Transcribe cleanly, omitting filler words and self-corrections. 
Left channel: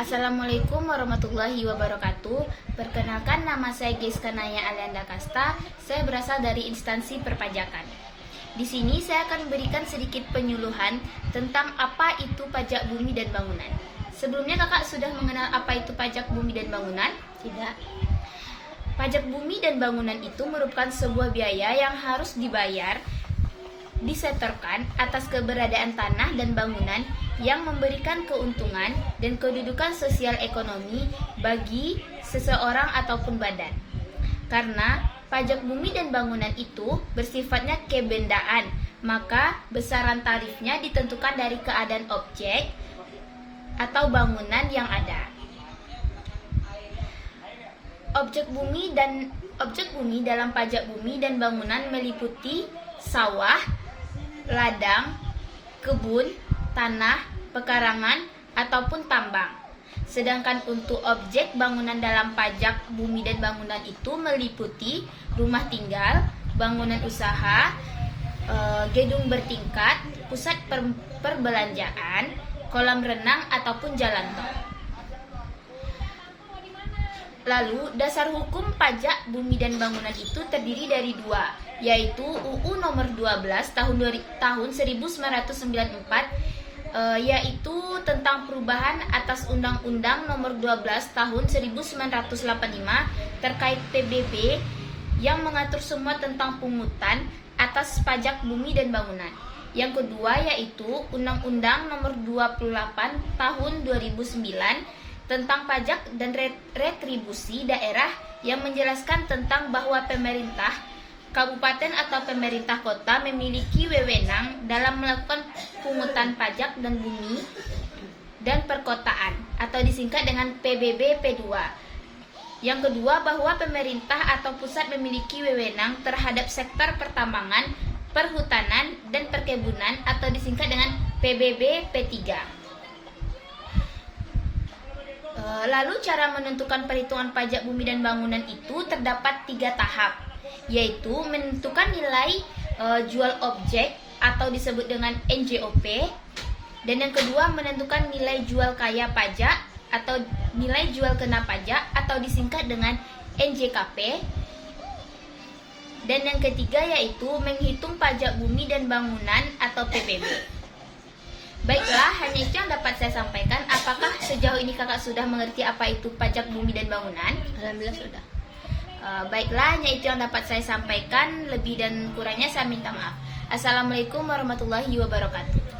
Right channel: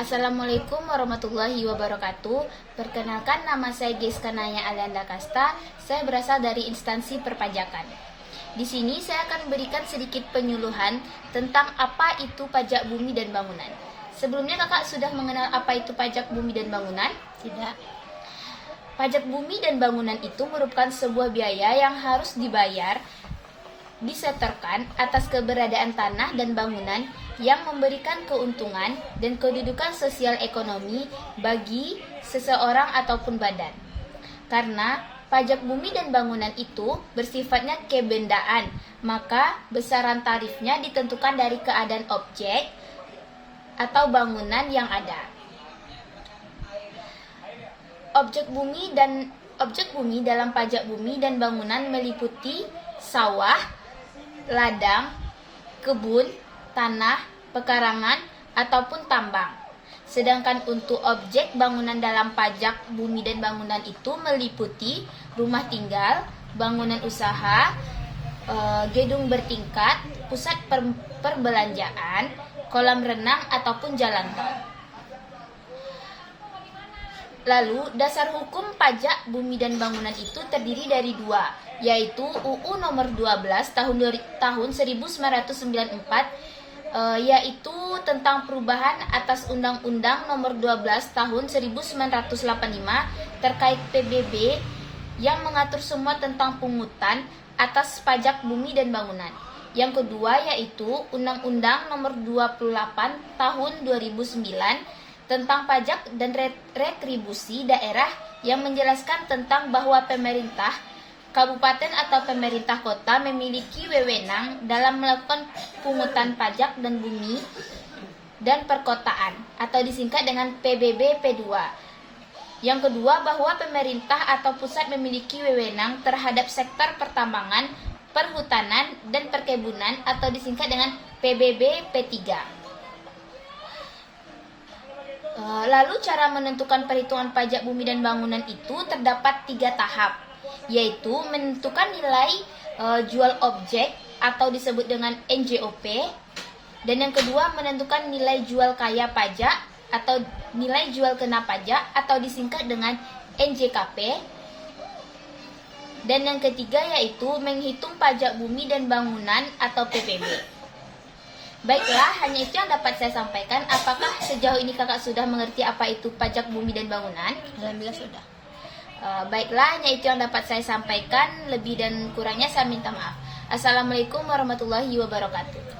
Assalamualaikum warahmatullahi wabarakatuh. Perkenalkan, nama saya Geska Naya Alianda Kasta. Saya berasal dari instansi perpajakan. Di sini saya akan memberikan sedikit penyuluhan tentang apa itu pajak bumi dan bangunan. Sebelumnya kakak sudah mengenal apa itu pajak bumi dan bangunan? Tidak. Pajak bumi dan bangunan itu merupakan sebuah biaya yang harus dibayar disetorkan atas keberadaan tanah dan bangunan yang memberikan keuntungan dan kedudukan sosial ekonomi bagi seseorang ataupun badan. Karena pajak bumi dan bangunan itu bersifatnya kebendaan, maka besaran tarifnya ditentukan dari keadaan objek atau bangunan yang ada. Objek bumi dalam pajak bumi dan bangunan meliputi sawah, ladang, kebun, tanah, pekarangan, ataupun tambang. Sedangkan untuk objek bangunan dalam pajak bumi dan bangunan itu meliputi rumah tinggal, bangunan usaha, gedung bertingkat, pusat perbelanjaan, kolam renang, ataupun jalan tol. Lalu, dasar hukum pajak bumi dan bangunan itu terdiri dari dua, yaitu UU nomor 12 tahun 1994, yaitu tentang perubahan atas Undang-Undang nomor 12 tahun 1985 terkait PBB yang mengatur semua tentang pungutan atas pajak bumi dan bangunan. Yang kedua yaitu Undang-Undang nomor 28 tahun 2009 tentang pajak dan retribusi daerah yang menjelaskan tentang bahwa pemerintah kabupaten atau pemerintah kota memiliki wewenang dalam melakukan pungutan pajak dan bumi dan perkotaan atau disingkat dengan PBB P2. Yang kedua bahwa pemerintah atau pusat memiliki wewenang terhadap sektor pertambangan, perhutanan, dan perkebunan atau disingkat dengan PBB P3. Lalu cara menentukan perhitungan pajak bumi dan bangunan itu terdapat 3 tahap, yaitu menentukan nilai jual objek atau disebut dengan NJOP, dan yang kedua menentukan nilai jual kaya pajak atau nilai jual kena pajak atau disingkat dengan NJKP, dan yang ketiga yaitu menghitung pajak bumi dan bangunan atau PBB. Baiklah, hanya itu yang dapat saya sampaikan. Apakah sejauh ini kakak sudah mengerti apa itu pajak bumi dan bangunan? Alhamdulillah sudah. Baiklah, hanya itu yang dapat saya sampaikan. Lebih dan kurangnya saya minta maaf. Assalamualaikum warahmatullahi wabarakatuh.